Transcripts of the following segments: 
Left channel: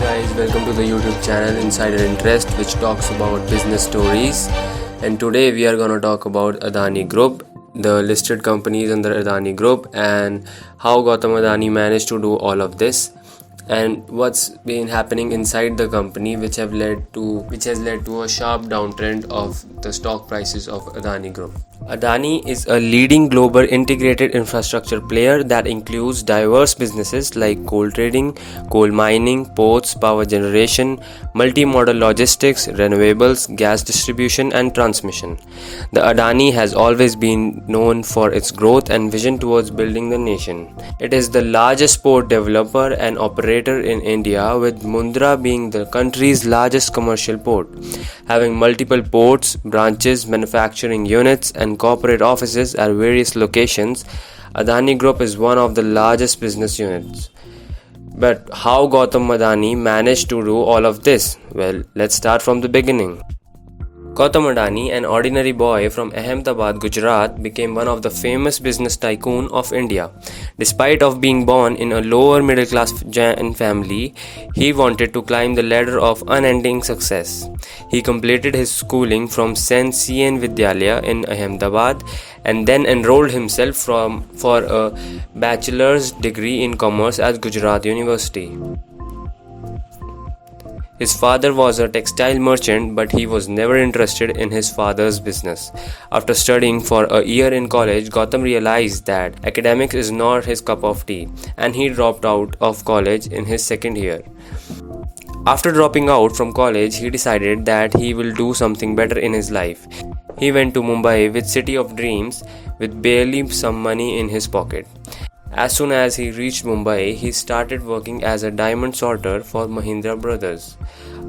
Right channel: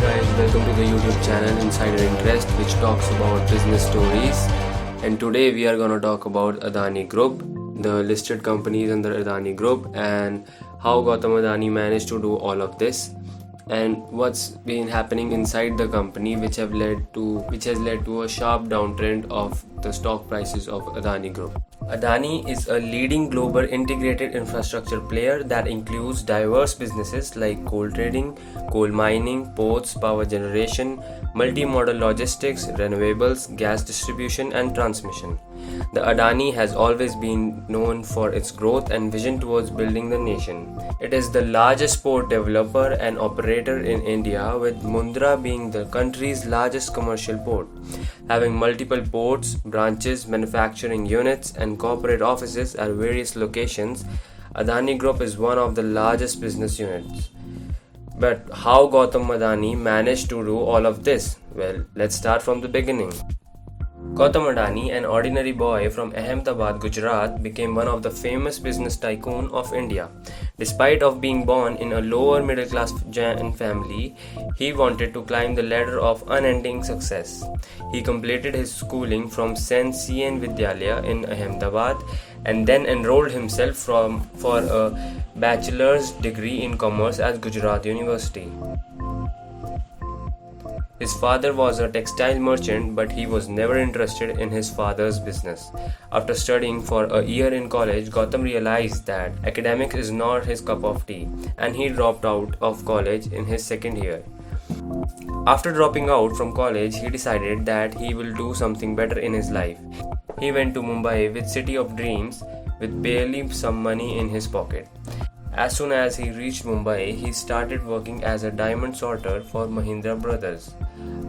guys, welcome to the YouTube channel Insider Interest, which talks about business stories. And today we are going to talk about Adani Group, the listed companies under Adani Group, and how Gautam Adani managed to do all of this, and what's been happening inside the company, which has led to a sharp downtrend of the stock prices of Adani Group. Adani is a leading global integrated infrastructure player that includes diverse businesses like coal trading, coal mining, ports, power generation, multi-modal logistics, renewables, gas distribution, and transmission. The Adani has always been known for its growth and vision towards building the nation. It is the largest port developer and operator in India, with Mundra being the country's largest commercial port. Having multiple ports, branches, manufacturing units, and corporate offices at various locations, Adani Group is one of the largest business units. But how Gautam Adani managed to do all of this? Well, let's start from the beginning. Gautam Adani, an ordinary boy from Ahmedabad, Gujarat, became one of the famous business tycoon of India. Despite of being born in a lower middle class Jain family, he wanted to climb the ladder of unending success. He completed his schooling from Saint CN Vidyalaya in Ahmedabad and then enrolled himself for a bachelor's degree in commerce at Gujarat University. His father was a textile merchant, but he was never interested in his father's business. After studying for a year in college, Gautam realized that academics is not his cup of tea, and he dropped out of college in his second year. After dropping out from college, he decided that he will do something better in his life. He went to Mumbai with City of Dreams with barely some money in his pocket. As soon as he reached Mumbai, he started working as a diamond sorter for Mahindra Brothers.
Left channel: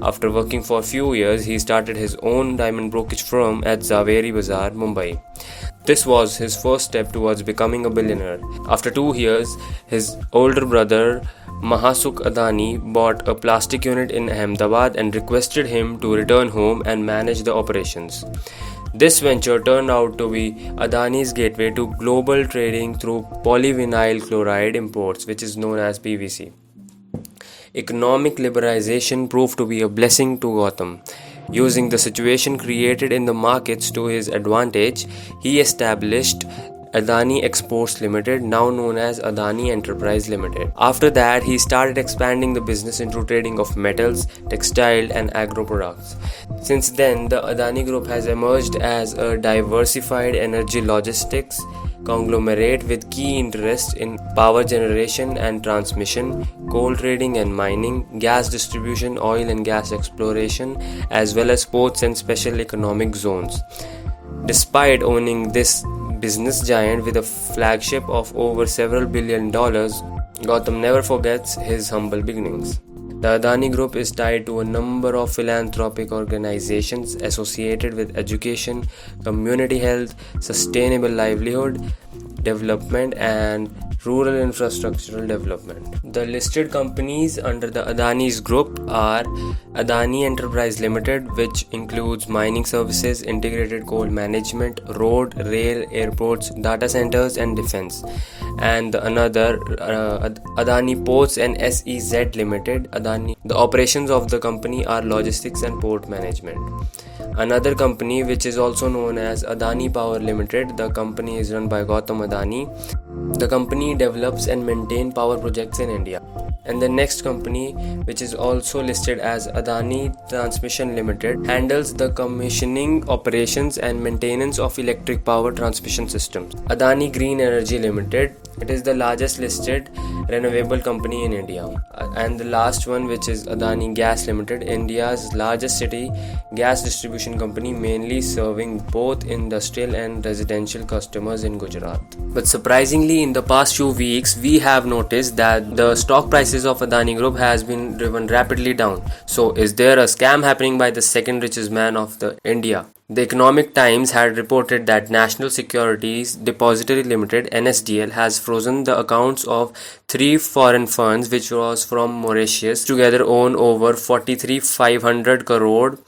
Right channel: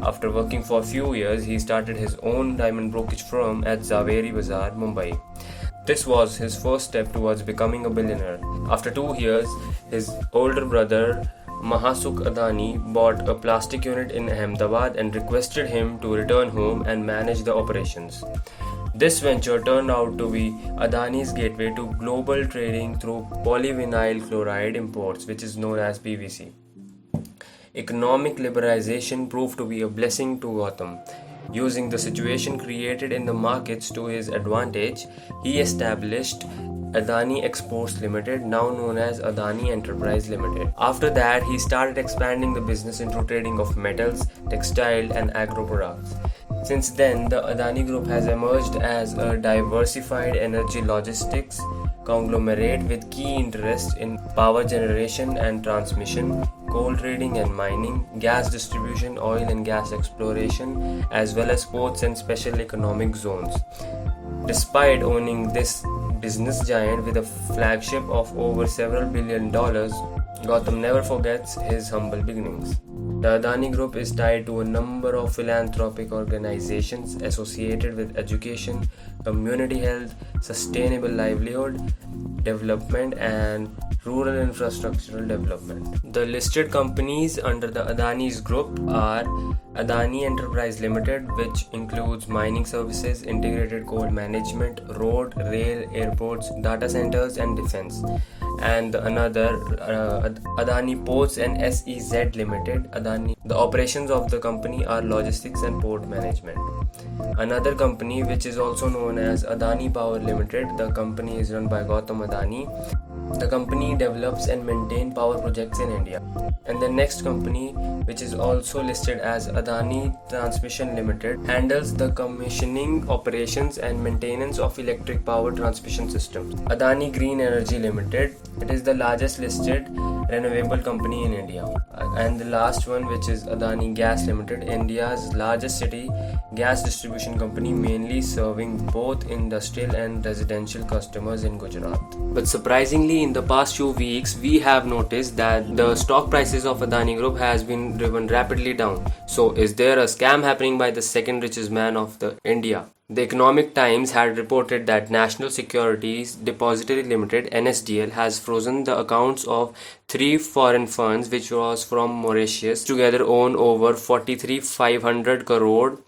After working for a few years, he started his own diamond brokerage firm at Zaveri Bazaar, Mumbai. This was his first step towards becoming a billionaire. After 2 years, his older brother Mahasukh Adani bought a plastic unit in Ahmedabad and requested him to return home and manage the operations. This venture turned out to be Adani's gateway to global trading through polyvinyl chloride imports, which is known as PVC. Economic liberalization proved to be a blessing to Gautam. Using the situation created in the markets to his advantage, he established Adani Exports Limited, now known as Adani Enterprise Limited. After that, he started expanding the business into trading of metals, textile, and agro products. Since then, the Adani Group has emerged as a diversified energy logistics conglomerate with key interests in power generation and transmission, coal trading and mining, gas distribution, oil and gas exploration, as well as ports and special economic zones. Despite owning this business giant with a flagship of over several $billion, Gautam never forgets his humble beginnings. The Adani Group is tied to a number of philanthropic organizations associated with education, community health, sustainable livelihood development, and rural infrastructural development. The listed companies under the Adani's group are Adani Enterprise Limited, which includes mining services, integrated coal management, road, rail, airports, data centers, and defense. And another Adani Ports and SEZ Limited. The operations of the company are logistics and port management. Another company, which is also known as Adani Power Limited, the company is run by Gautam Adani. The company develops and maintains power projects in India. And the next company, which is also listed as Adani Transmission Limited, handles the commissioning, operations, and maintenance of electric power transmission systems. Adani Green Energy Limited, it is the largest listed renewable company in India. And the last one, which is Adani Gas Limited, India's largest city gas distribution company, mainly serving both industrial and residential customers in Gujarat. But surprisingly, in the past few weeks, we have noticed that the stock prices of Adani Group has been driven rapidly down. So is there a scam happening by the second richest man of the India? The Economic Times had reported that National Securities Depository Limited (NSDL) has frozen the accounts of 3 foreign funds which was from Mauritius, together own over 43,500 crore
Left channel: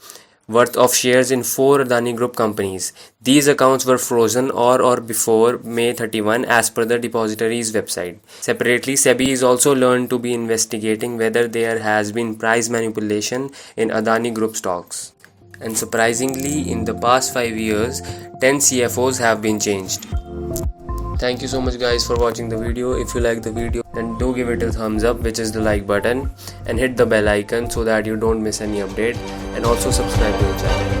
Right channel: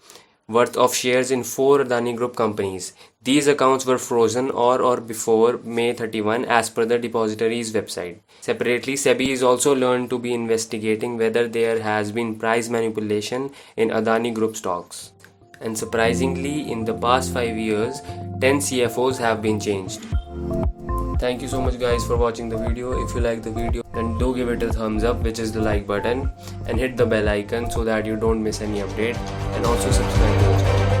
worth of shares in 4 Adani Group companies. These accounts were frozen or before May 31 as per the depository's website. Separately, SEBI is also learned to be investigating whether there has been price manipulation in Adani Group stocks. And surprisingly, in the past 5 years, 10 CFOs have been changed. Thank you so much guys for watching the video. If you like the video, then do give it a thumbs up, which is the like button, and hit the bell icon so that you don't miss any update, and also subscribe to the channel.